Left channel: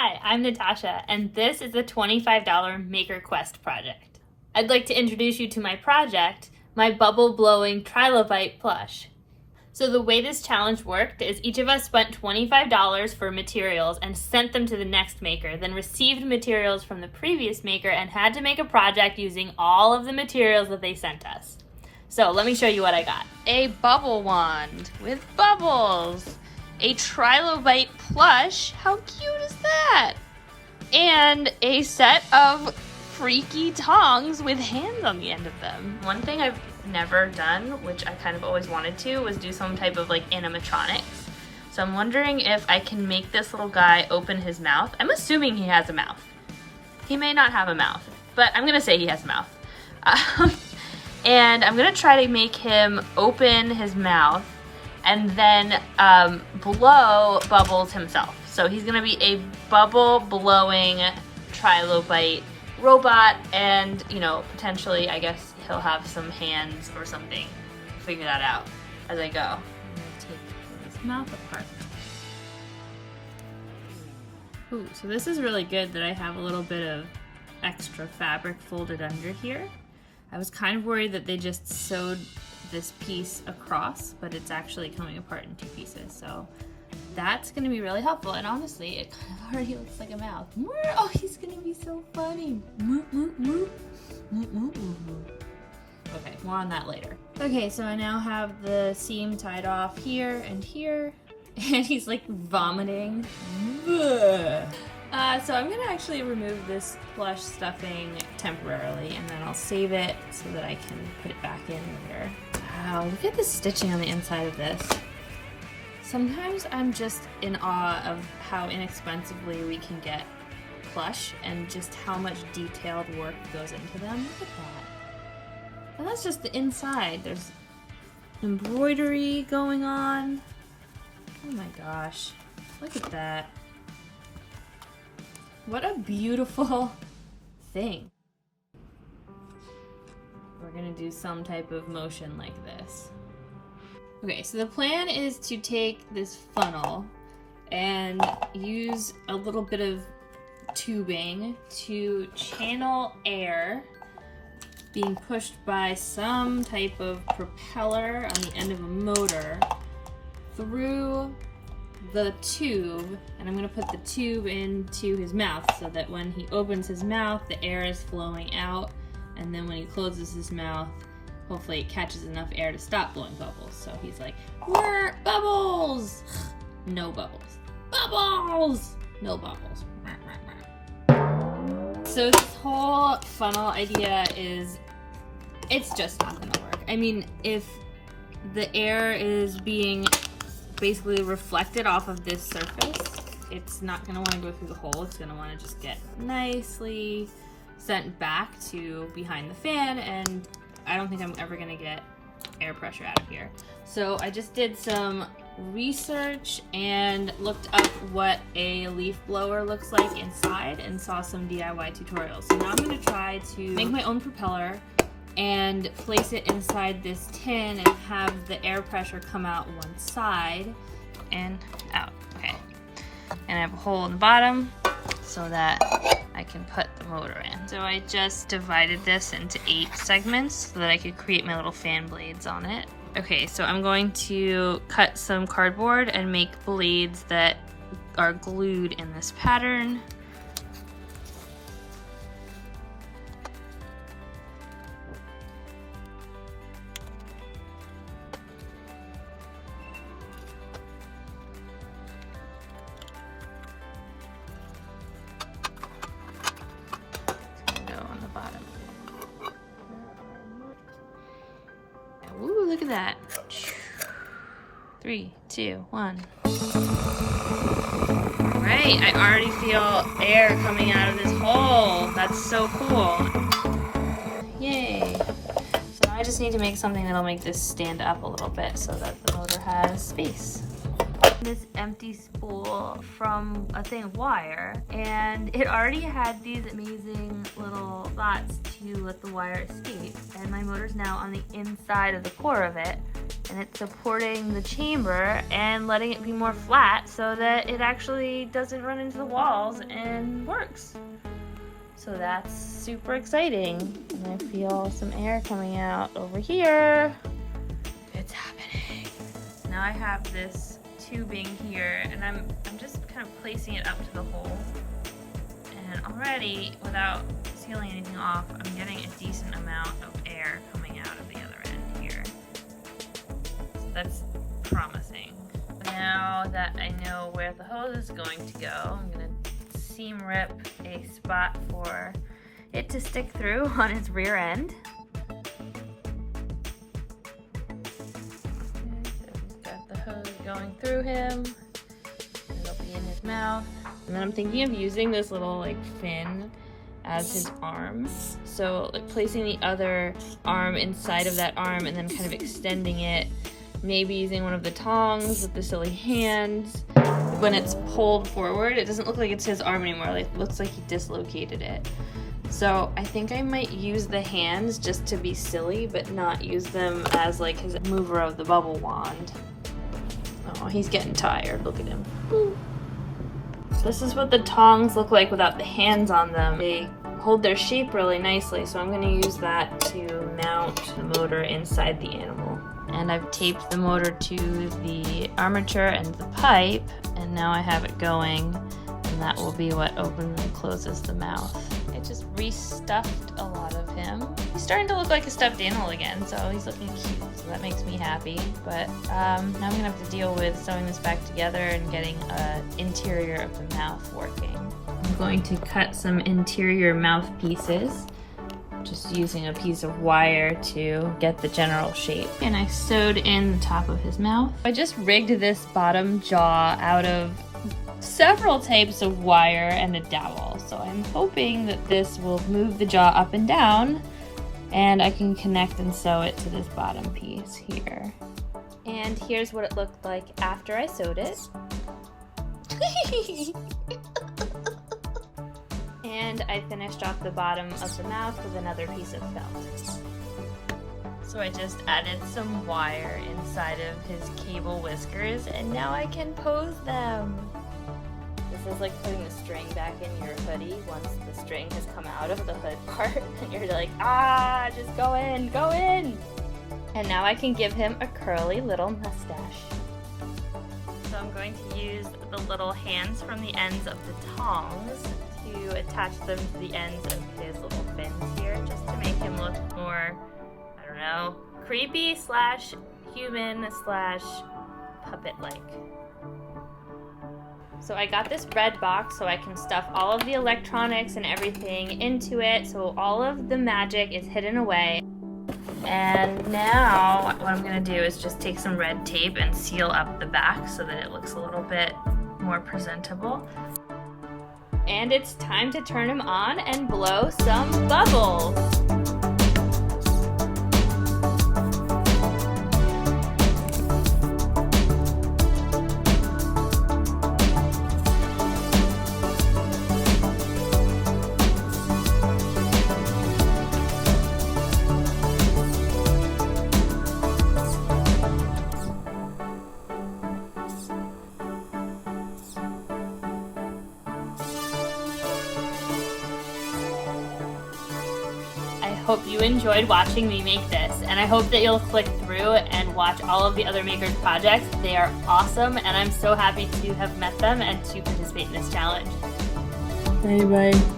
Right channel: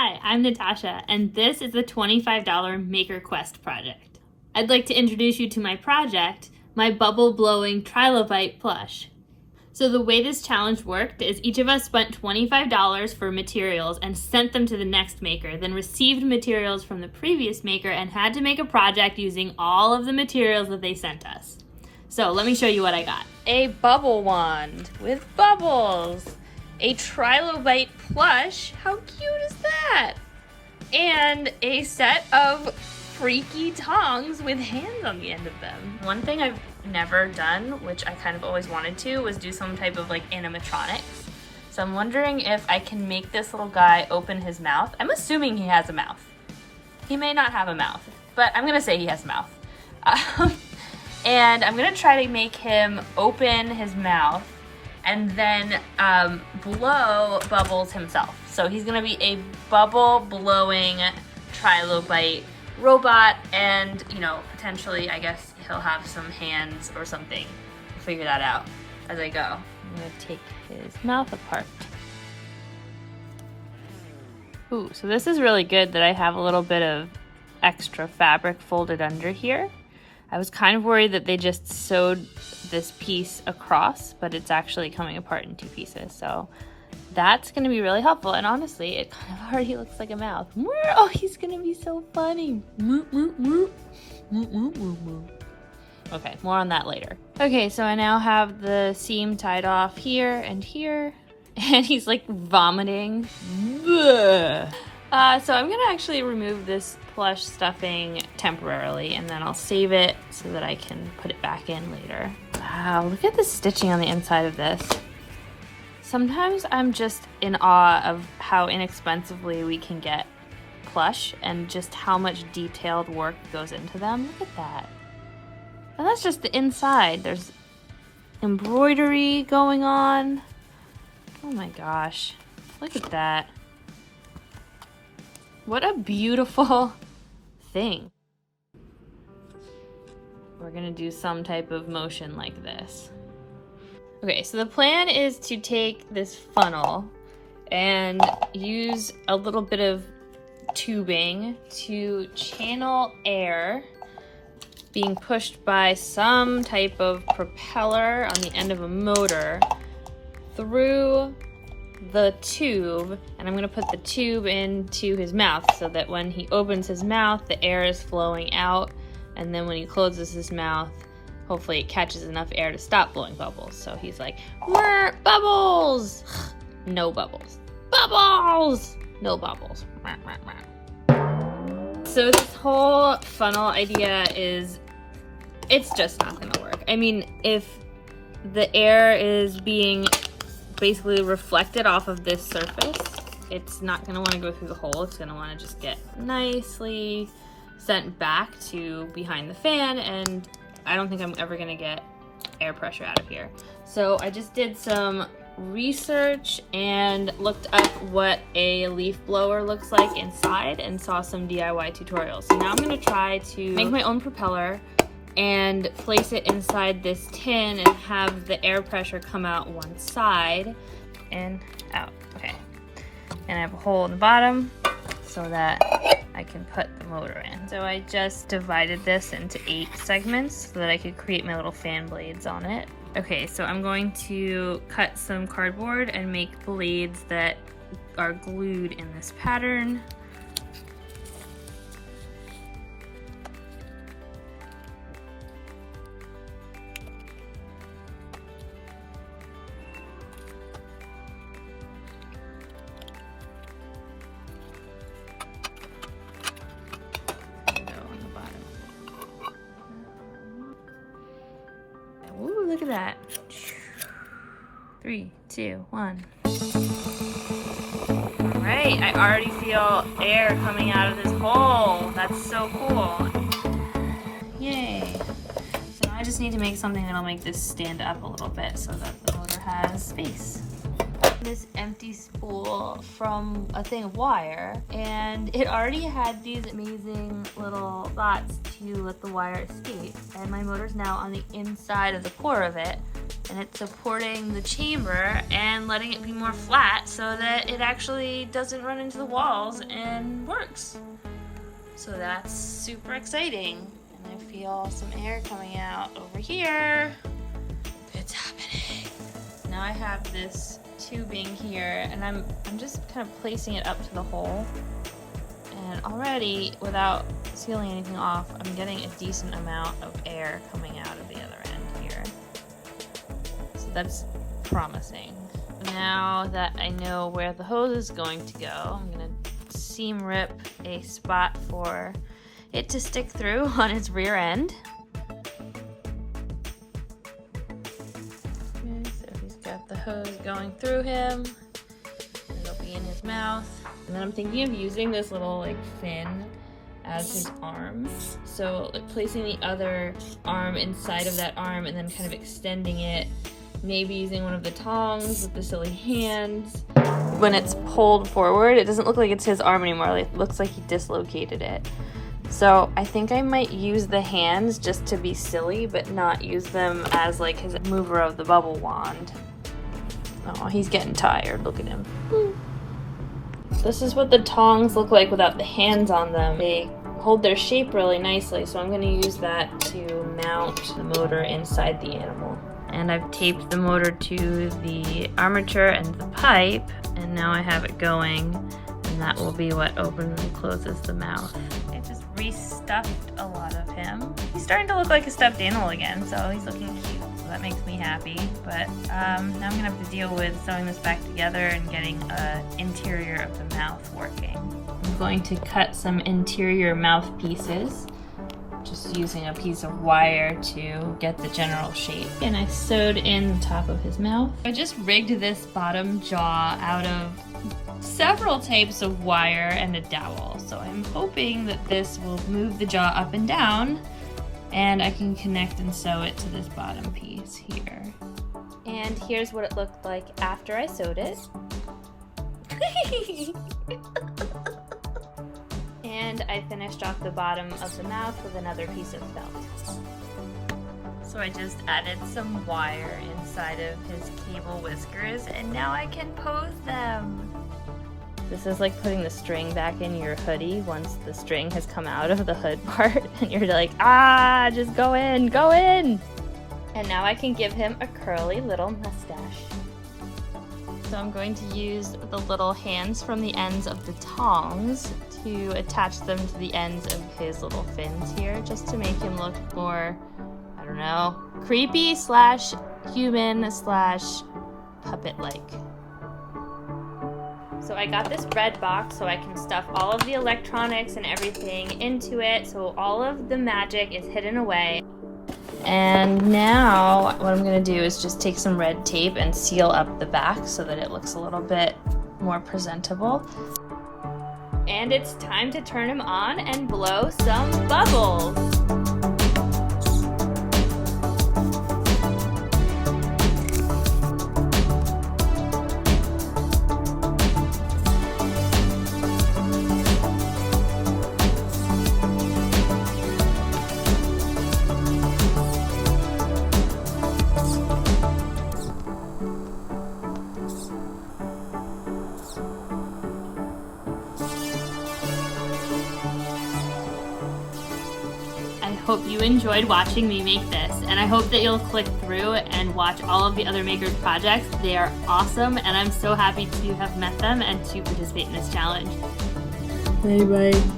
Hi, I'm Natasha, and this is the $25 Maker Quest project. I'd like to introduce you to my project, my bubble-blowing Trilobite plush. So the way this challenge worked is each of us spent $25 for materials and sent them to the next maker, then received materials from the previous maker and had to make a project using all of the materials that they sent us. So let me show you what I got. A bubble wand with bubbles. A Trilobite plush, how cute is that? And a set of freaky tongs with hands on the end of them. One thing I've never done, which I kind of always wanted to, was do some type of like animatronic. So I'm wondering if I can make this little guy open his mouth. I'm assuming he has a mouth. He may not have a mouth, but I'm gonna say he has a mouth. And I'm gonna try to make him open his mouth and then blow bubbles himself. So he's gonna be a bubble blowing Trilobite robot, and you know, potentially I guess he'll have some hands or something. I'll figure that out as I go. I'm gonna take his mouth apart. Ooh, so this is really good that I have a little bit of extra fabric folded under here. I was kind of worried that they just sewed this piece across, but it's actually coming apart in 2 pieces. So that's gonna be really helpful. And honestly, it kind of already looks like a mouth. Oh, he's gonna be so funny. Okay, more on that later. Okay, so I now have the seam tied off here and here, and he's like vomiting. So I'm gonna actually remove this plush stuffing temporarily, and then I'll save it so that I can put it back in later. Wow, look at the stitching on the inside of this. Sometimes I'm just in awe of how inexpensively we can get plush and just how much detailed work goes into them. Look at that. And that's just the inside. There's embroidery going on. Oh my gosh, look at that. What a beautiful thing. We're gonna do some type of motion like this. Okay, so the plan is to take this funnel and use a little bit of tubing to channel air being pushed by some type of propeller on the end of a motor through the tube, and I'm gonna put the tube into his mouth so that when he opens his mouth, the air is flowing out, and then when he closes his mouth, hopefully it catches enough air to stop blowing bubbles. So he's like, bubbles! No bubbles. Bubbles! No bubbles. So this whole funnel idea is, it's just not gonna work. I mean, if the air is being basically reflected off of this surface, it's not going to want to go through the hole. It's going to want to just get nicely sent back to behind the fan, and I don't think I'm ever going to get air pressure out of here. So I just did some research and looked up what a leaf blower looks like inside and saw some DIY tutorials. So now I'm going to try to make my own propeller and place it inside this tin and have the air pressure come out one side and out. Okay. And I have a hole in the bottom so that I can put the motor in. So I just divided this into 8 segments so that I could create my little fan blades on it. Okay, so I'm going to cut some cardboard and make blades that are glued in this pattern. Ooh, look at that. 3, 2, 1. All right, I already feel air coming out of this hole. That's so cool. Yay. So now I just need to make something that'll make this stand up a little bit so that the motor has space. This empty spool from a thing of wire, and it already had these amazing little slots to let the wire escape, and my motor's now on the inside of the core of it, and it's supporting the chamber and letting it be more flat so that it actually doesn't run into the walls and works. So that's super exciting. And I feel some air coming out over here. It's happening. Now I have this tubing here, and I'm just kind of placing it up to the hole. And already, without sealing anything off, I'm getting a decent amount of air coming out of the other end here. So that's promising. Now that I know where the hose is going to go, I'm gonna seam rip a spot for it to stick through on its rear end. So he's got the hose going through him. It'll be in his mouth. And then I'm thinking of using this little like fin as his arm. So like placing the other arm inside of that arm and then kind of extending it. Maybe using one of the tongs with the silly hands. When it's pulled forward, it doesn't look like it's his arm anymore. It looks like he dislocated it. So I think I might use the hands just to be silly, but not use them as like his mover of the bubble wand. Oh, he's getting tired. Look at him. This is what the tongs look like without the hands on them. They hold their shape really nicely, so I'm going to use that to mount the motor inside the animal. And I've taped the motor to the armature and the pipe, and now I have it going, and that will be what opens and closes the mouth. I just restuffed a lot of him. He's starting to look like a stuffed animal again, so he's looking cute, so that makes me happy. But now I'm gonna have to deal with sewing this back together and getting an interior of the mouth working. I'm going to cut some interior mouth pieces, just using a piece of wire to get the general shape. And I sewed in the top of his mouth. I just rigged this bottom jaw out of several types of wire and a dowel. So I'm hoping that this will move the jaw up and down, and I can connect and sew it to this bottom piece here. And here's what it looked like after I sewed it. And I finished off the bottom of the mouth with another piece of felt. So I just added some wire inside of his cable whiskers, and now I can pose them. This is like putting the string back in your hoodie once the string has come out of the hood part, and you're like, ah, just go in, go in. And now I can give him a curly little mustache. So I'm going to use the little hands from the ends of the tongs to attach them to the ends of his little fins here, just to make him look more, I don't know, creepy slash human slash puppet-like. So I got this red box so I can stuff all of the electronics and everything into it, so all of the magic is hidden away. And now what I'm gonna do is just take some red tape and seal up the back so that it looks a little bit more presentable. And it's time to turn him on and blow some bubbles. I hope you enjoyed watching me make this, and I hope that you'll click through and watch all of the other makers' projects. They are awesome, and I'm so happy to have met them and to participate in this challenge. Hey, bye.